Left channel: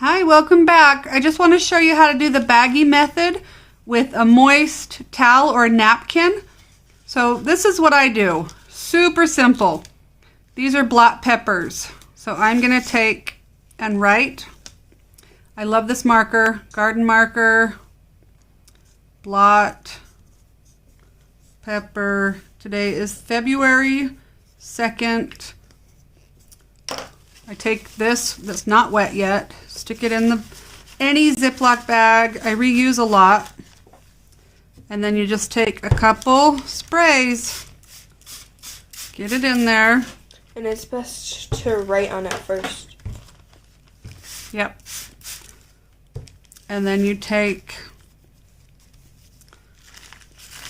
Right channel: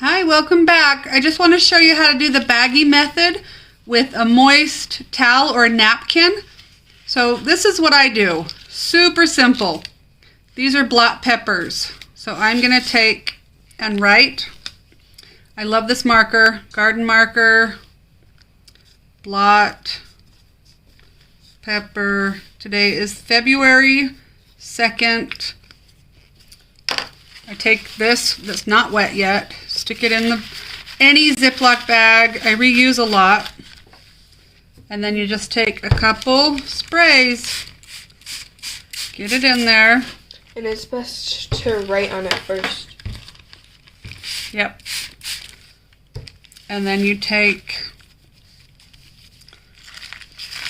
Hi, welcome back. I just want to show you how to do the baggy method with a moist towel or a napkin. So this is what I do. Super simple. These are black peppers. So I'm going to take and write. I love this marker, garden marker, blot, pepper. Today is February 2nd. I take this that's not wet yet, stick it in any Ziploc bag. I reuse a lot. And then you just take a couple sprays, get it in there. And it's best to write on it first. Yep. And then you take,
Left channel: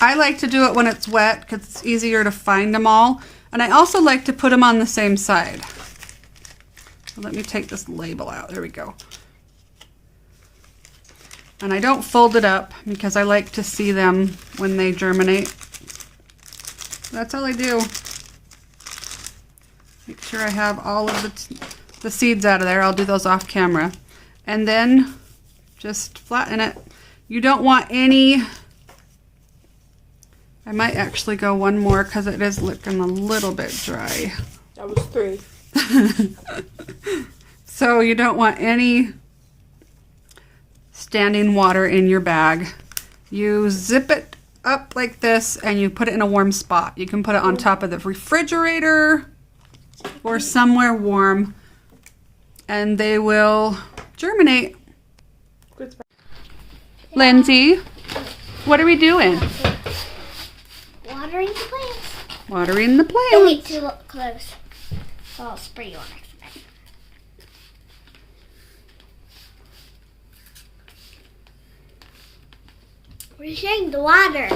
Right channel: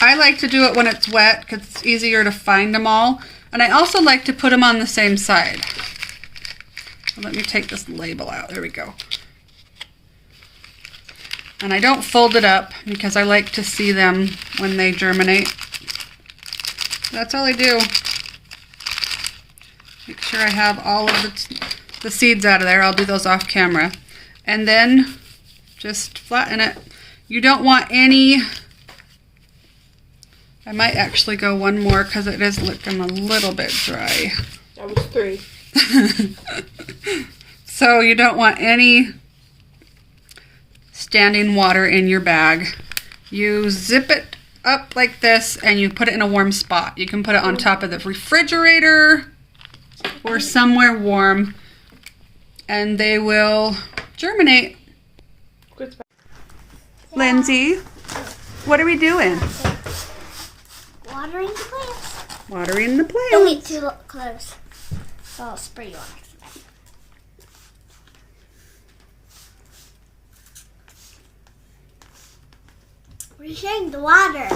I like to do it when it's wet because it's easier to find them all. And I also like to put them on the same side. Let me take this label out. There we go. And I don't fold it up because I like to see them when they germinate. That's all I do. Make sure I have all of the seeds out of there. I'll do those off camera. And then just flatten it. You don't want any... I might actually go one more because it is looking a little bit dry. That was 3. So you don't want any standing water in your bag. You zip it up like this and you put it in a warm spot. You can put it on top of the refrigerator or somewhere warm and they will germinate. Lindsay, what are we doing? Watering the plants. Watering the plants. Don't get too close. So I'll spray you on accident. We're sharing the water.